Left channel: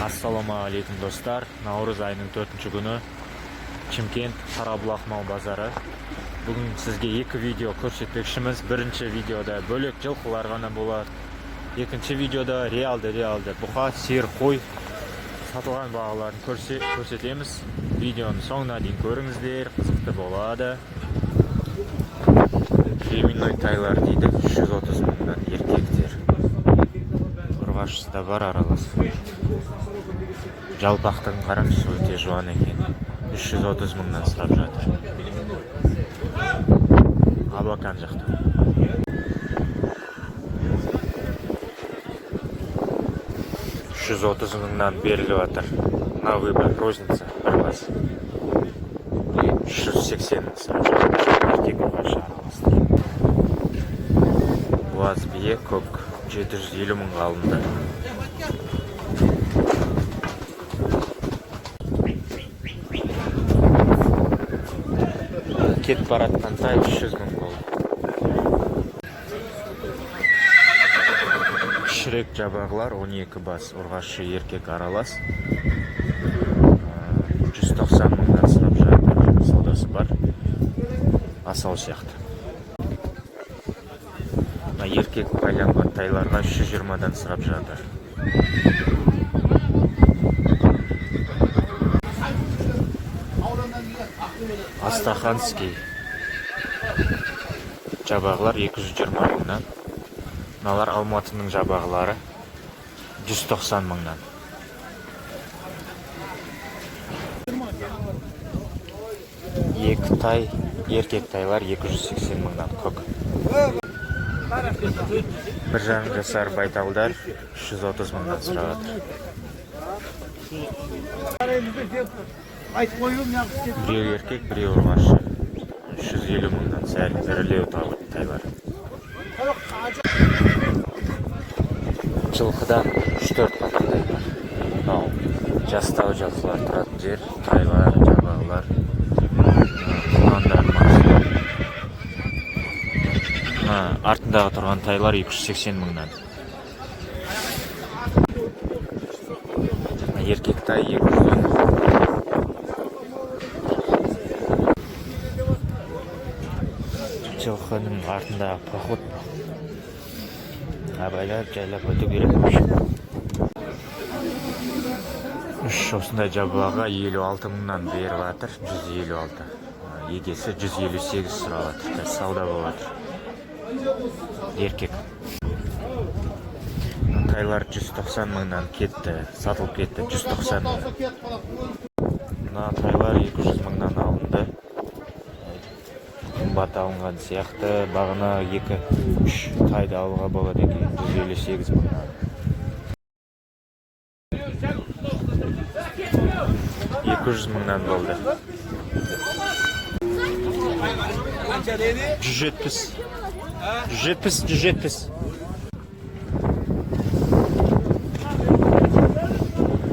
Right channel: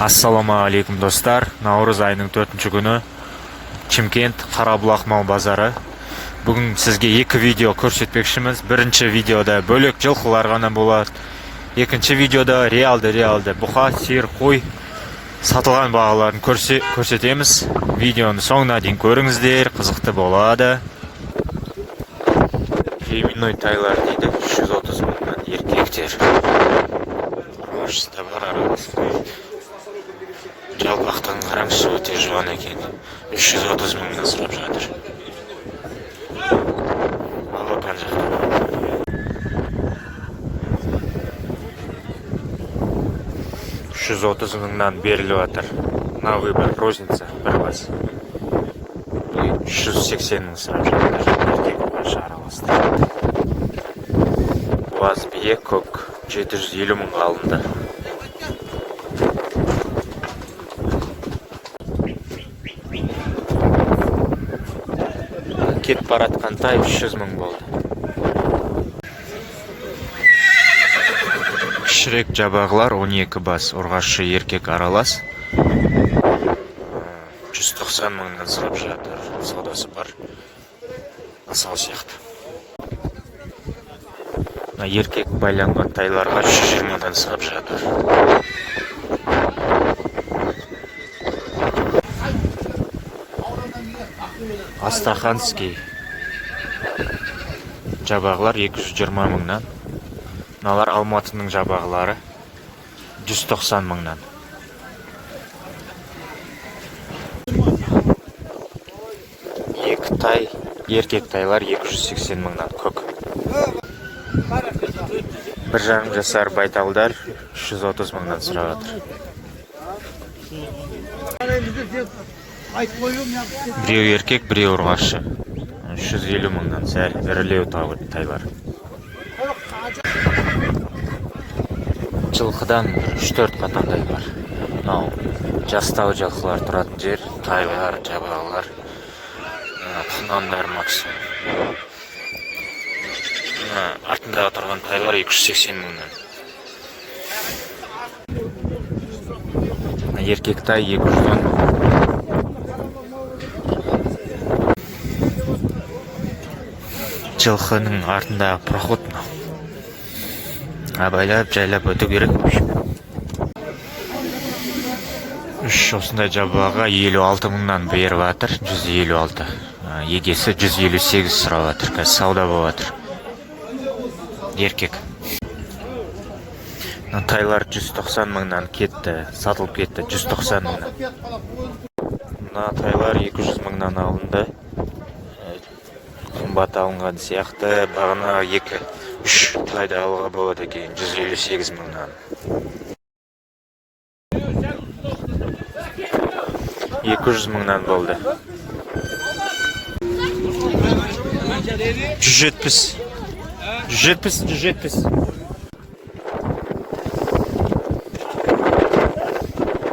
Ассаламағалейкум достар. Наурыз айының 4-ші күні Чимкент Қарабұлақ мал базары. Бүгін сізге екі видео көрсетпекшіміз. Бірінші видеода бөлек жылқылар ғана болады. Екінші видеода реалды бұқа, сиыр, қой сатылған бағаларын көрсетеміз. Видеоны соңына дейін көріңіздер, қызықты болады. Феминой тайлар дейді, 330 мыңнан еркектер. Ұрғашысы да бар, аралас қой. Жалпақтығын қараңызшы, өте жуан екен. 330 мыңнан сұрап жатыр. Ал отан жақта. 330 мыңнан беріліп жатыр. На выбор розница бір бас. 380 мың сұрап жатыр. Еркек ұрғашы араласты. Буаз бие көк 750 мыңға алынды. Кет баратқан тай 300 мың болды. Кішірек жабағылар 12 бас, ұрғашы еркек аралас. 190 мыңнан сұрап жатыр. Саудасы бар. Асау сияқты. Еркек байланған тайларға 320-дан сұрап жатыр. Астаханский жабағылар 220 мыңнан. Мыналар Алматының жабағылары 190 мыңнан. Екі тай, еркек тайлар 280 мыңнан көк. Бір жарым жасар байталдар 330 мыңнан сұрап жатыр. Біреу еркек, біреу ұрғашы. 350 мыңнан сәл ірілеу тайлар. Жылқыдан 3-4 қатардай бар. Жастау жылқылар тұратын жер, тайлар, жабағылар, құлмандар максимум. Артындағы тұрған тайлар 280 мыңнан. Еркек тай 210 мыңнан. Жылқының артындағы проход. Абайлап, жайлап өту керек. Осындай жабаға 56 мыңнан беріп жатыр, 156. Егесі 158 сұрап жатыр, қазір сауда болып жатыр. Еркек. Тайлар 190 мыңнан кетті, сатылып кетті 190 мыңнан. Тайлар 200 мыңнан алынды. Қымбат алынған сияқты, бағына 2-3 тайды алуға болады екен, 158 мыңнан. 200 мыңнан болды. 170.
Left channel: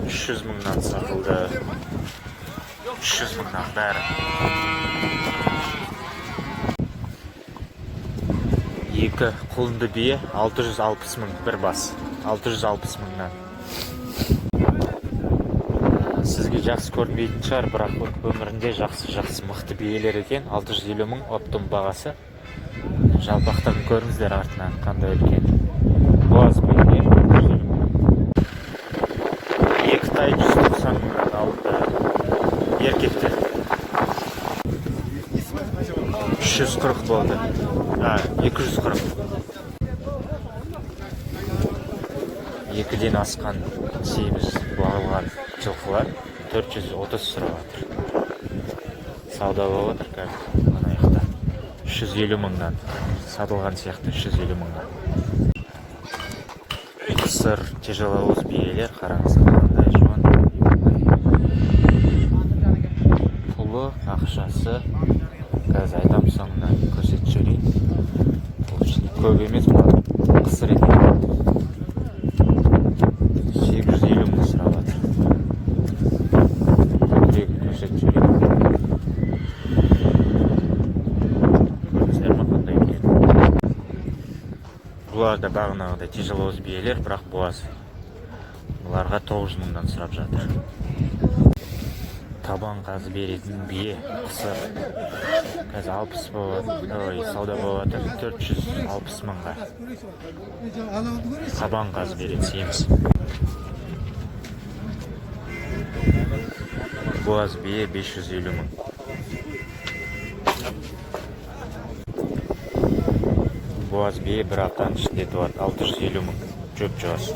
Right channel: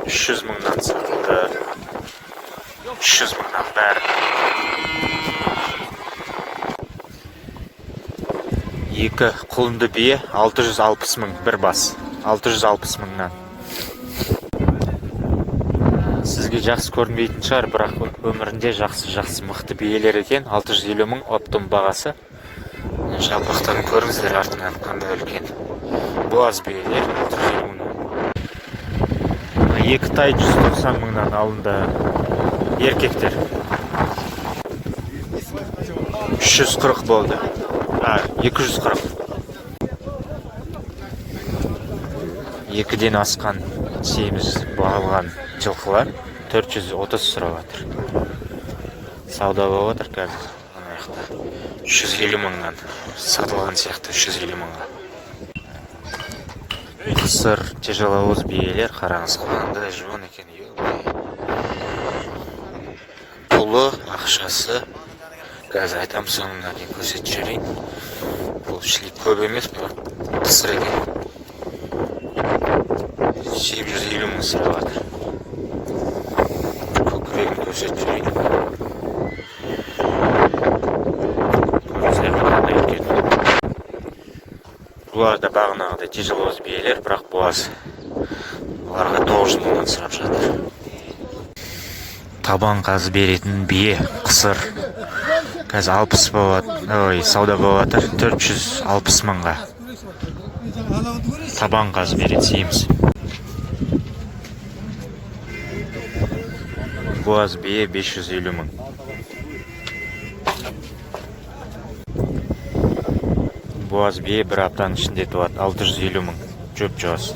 300 мыңнан сатылды. 300 мыңнан бәрі. Екі құлынды бие 660 мың бір бас. 660 мыңнан. Сізге жақсы көрінбейтін шығар, бірақ өмірінде жақсы мықты биелер екен. 650 мың оптым бағасы. Жалпақтарын көріңіздер артынан қандай үлкен. Буаз биелер 650 мыңнан. Екі тай 190 мыңнан алынды. Еркектер 340 болды. 240. Екіден асқан семіз бағылған жылқылар 430 сұрап жатыр. Сауда болып жатыр қазір. 350 мыңнан сатылған сияқты, 350 мыңға. Қысыр тяжеловоз биелер, қараңыз қандай жуан екен. Пұлы, ақшасы, қазір айтам соңына дейін көрсетіп жіберейін. Бұл шлик көп емес, қысыр екен. 750 мың сұрап жатыр. Көкірегін көрсетіп жіберейін. Бұлар да бағынағыдай тяжеловоз биелер, бірақ буаз Бұларға 900 мыңнан сұрап жатыр. Табан қазы беретін бие, қысыр. Қазір 60 болады, сауда болады, 460 мыңға. Табан қазы беретін сейміз. Боз бие 550 мың. Боз бие бір аптаның ішінде туады, 650 мың. Жөп жоғыз.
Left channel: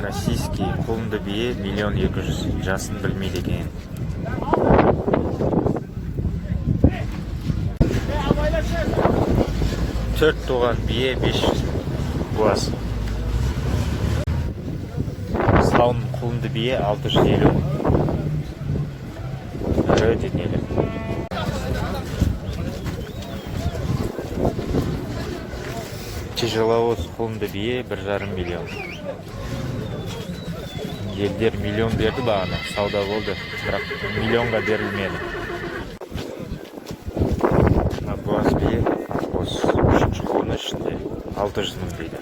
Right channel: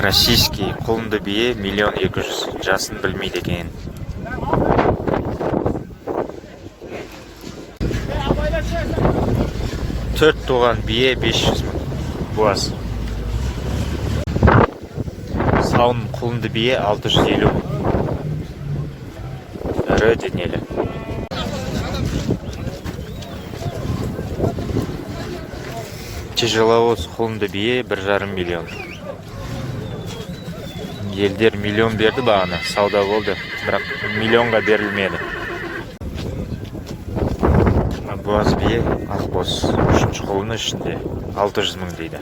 Российский құлынды бие 1 200 000, жасын білмейді екен. Төрт туған бие 500 мың. Боз. Сауын құлынды бие 650 мың. Ірі денелі. Тяжеловоз құлынды бие 1,5 миллион. Елдер миллион берді бағана, сауда болды, бірақ миллионға берілмеді. Боз бие, ақбоз, үшінші қолыны ішінде 600 мың дейді.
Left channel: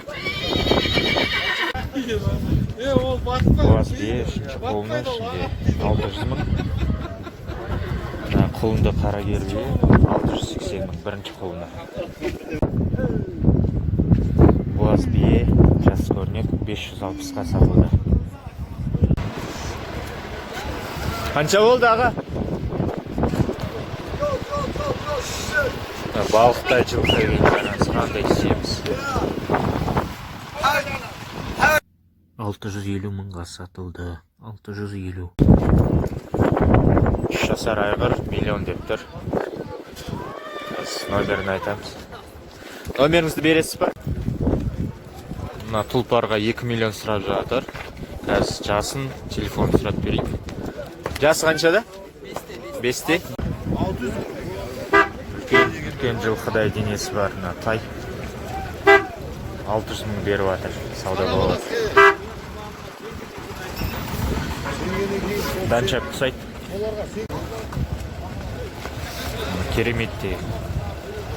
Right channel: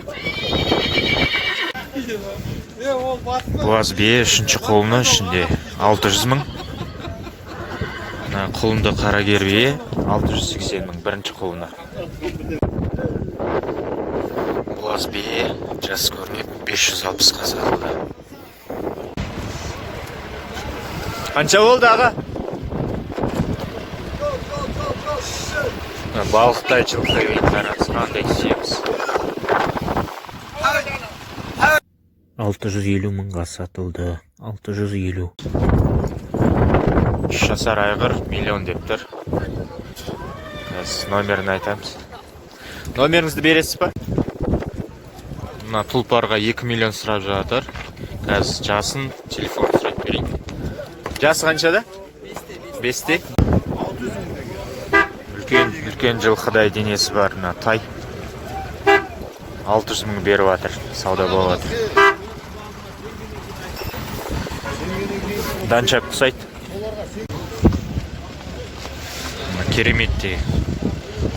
Боз бие, үшінші қолыны ішінде 600 мың. Құлынды қарагер бие 680 мың, бірінші қолыны. Боз бие, жас көрініп 560-ға сатылды. Қанша болды аға? Балықтай жылқы кейін қараңыз, қандай түсеміз. 650 мыңға сатылды. 650. 3 жасар айғыр 1 миллион деп тұр. Номерін айтамыз. Номеріңізді бересіз ба? Мына тұлпарға 2 миллион сұрап жатыр. Қазір жасын, телефон сұрап берейін. Жасы қаншада? 5-те. Үлкен жылқыдай денесі бар, тай. 600 мың беріп жатыр, сауда болады. Данчак құсайды. Кереметте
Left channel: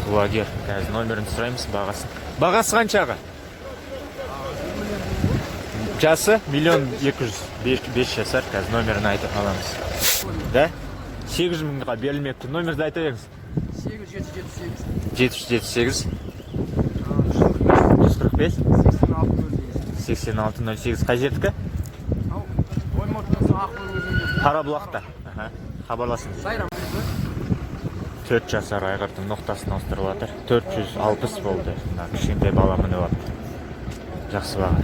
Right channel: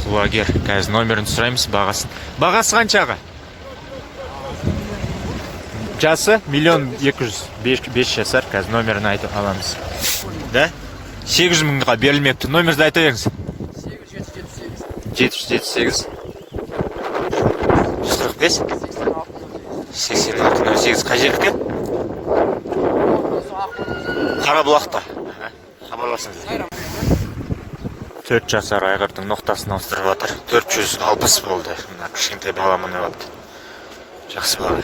құлагер. Қазір номерін сұраймыз, бағасын. Бағасы қаншаға? Жасы 1 200 000, 5 жасар, қазір номерін айтып аламыз. Да? 800 мыңға берілмепті. Номерді айта беріңіз. 778 145 8608. Қай жердікі? Қарабұлақта. Хабарласыңыз. 4 жасар айғырдың ноқтасын ауыстырып жатыр. 460 болды. Кішкентай бала мініп алды. Жақсы баға.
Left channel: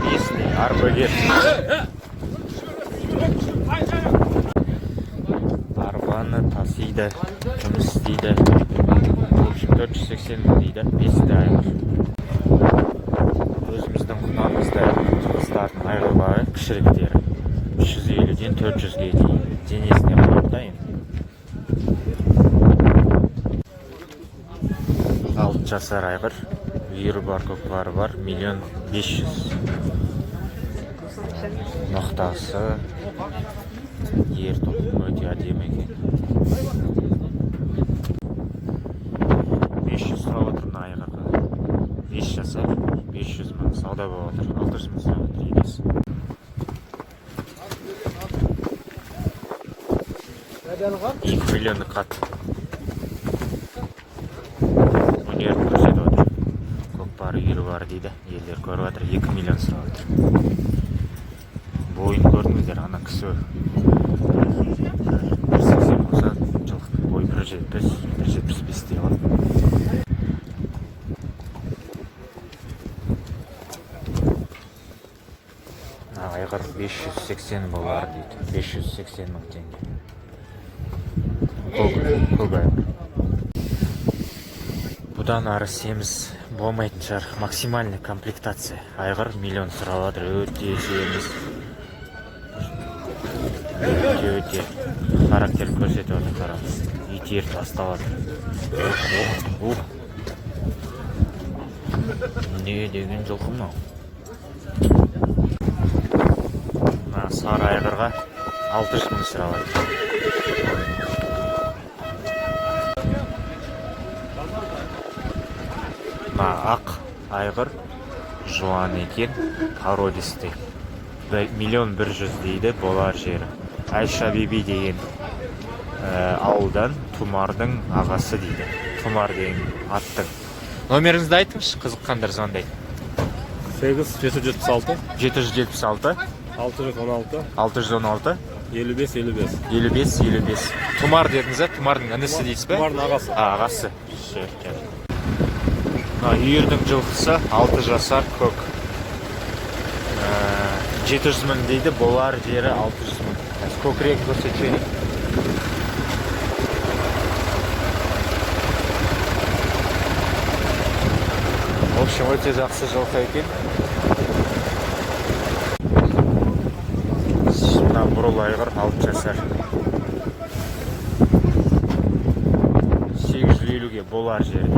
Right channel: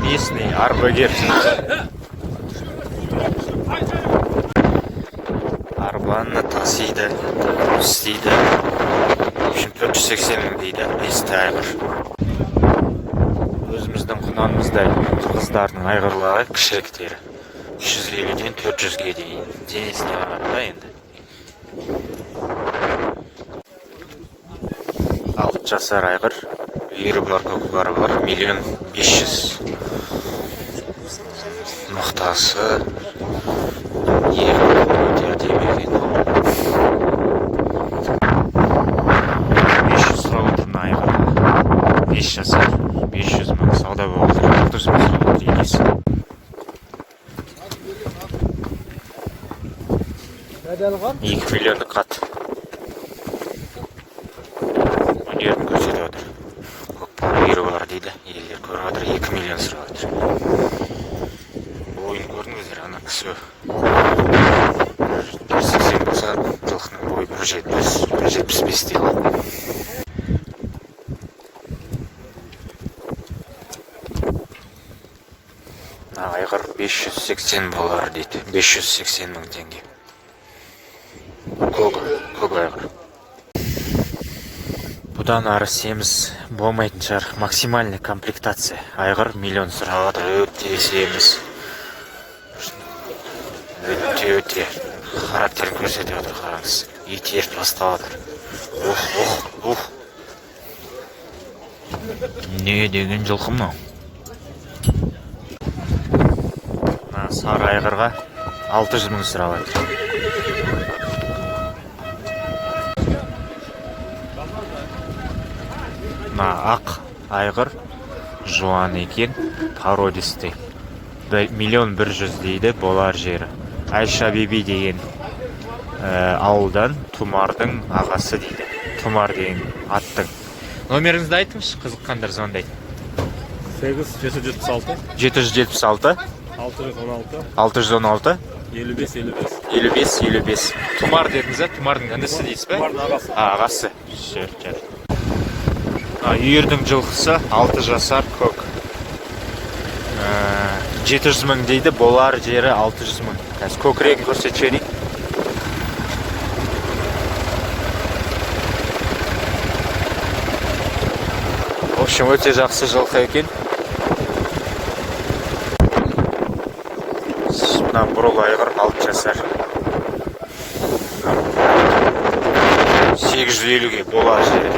Местный арбагер. Арбаны тасиды, істейді. 480 мың дейді. Есті айғыр. Өзіміздің құнанымызда қыздардың айғырлары кішіректері. 350-ден 400-ге дейін. Денесіне айғырда енді. 6 жасар айғыр. Ері бар, көкбары бар. 1 500 000. Ноқтасы өте әдемі. 500 сұрап отырын айғыр. 5 жасар, 500 мың сауда болып отыр. 600 мың сұрап отыр енесі. 2 миллиондық қат. Өнерін көрсетіп отыр. Ері бар дейді. Елдер көріп отыр. 2 миллион сұрап отыр. Бойын көрдіңіздер, ана кісі 180 болса, жылқының бойы 175 дейді. Айғыр 580 болар дейді. 580 мың теңге. Көк айғыр. Бұдан ары семіз болмайтын шығар. Максимальный комплектация. Айғыр 1 миллион сұрап отыр. Өте семіз. Өте характерін көрсетіп отыр, қараңыз. Ит еріп бастап отыр. Не деген жылқы мынау? Сары айғырға 600 мың сұрап отыр. мына ақ айғыр жуан екен, породистый. 1.100.000 дейді, болар жері. Айша Биби деген ауылдан Тұмардың ағасы дейді. Тұмар деген аттың. Номеріңізді айтыңызшы, қызыққандар звондайды. 776 776 616 55. Тұмар дедіңіз, Тұмардың інісі дейсіз бе? Тұмардың ағасы. Ағасы. Үйірдің жылқысы 6 жасар көк. 700 мың дейді, болар жері 600 мың. Көкірегін көрсетшені. В общем, өте жақсы жылқы екен. Мына бұрыл айғыр 6 жасар. 850-ге болар жері.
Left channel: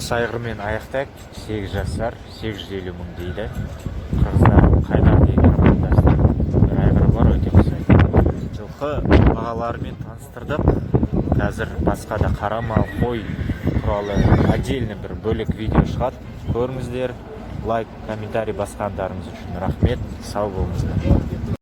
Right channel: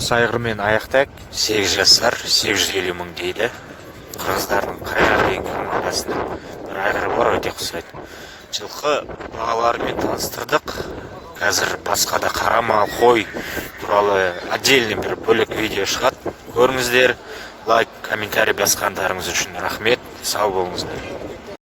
Осы айғырмен аяқтайық. 8 жасар, 850 мың дейді. Қырғыздардың қайрар деген командасында бір айғыры бар, өте ұқсайды. Жылқы бағаларымен таныстырдық. Қазір басқа да қара мал, қой туралы отдельный бір бөлек видео шығады. Көріңіздер, лайк, комментарий басқандарыңыз үшін рахмет. Сау болыңыздар.